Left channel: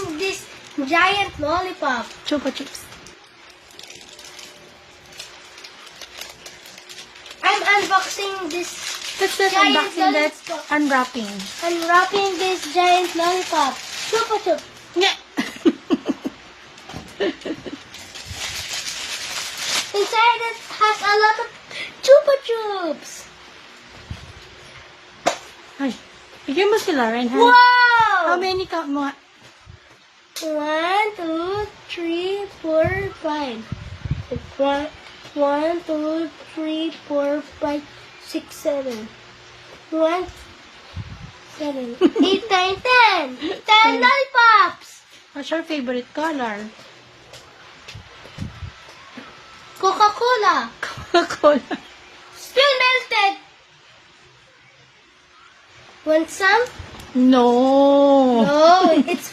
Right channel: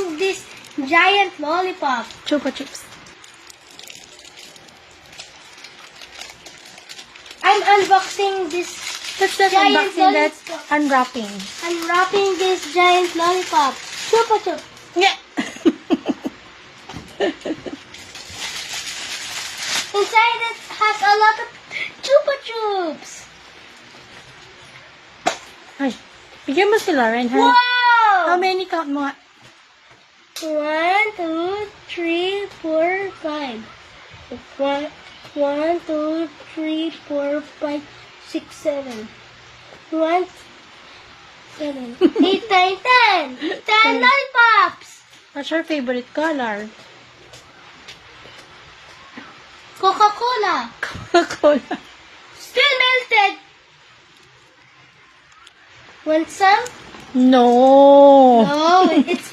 unboxing this giant lollipop. Chupa Chups. I'm unboxing this. That's not Giant unboxing, that's lollipop. unwrapping. Unwrapping this giant lollipop. Chupa Chup. Yeah. Inside it has a lot of Chupa Chups. Ay, bigyan mo si Lauren, ha? Wow! How many count mo nga? 1, 2, 3, 4, 5. 1, 2, 3, 4, 5, 6, 7. 1, 7, 8, 9, 10. 10 lollipops. What's your favorite color? Coca-Cola. Coca-Cola. Still melted. Want some? No. Oh, it's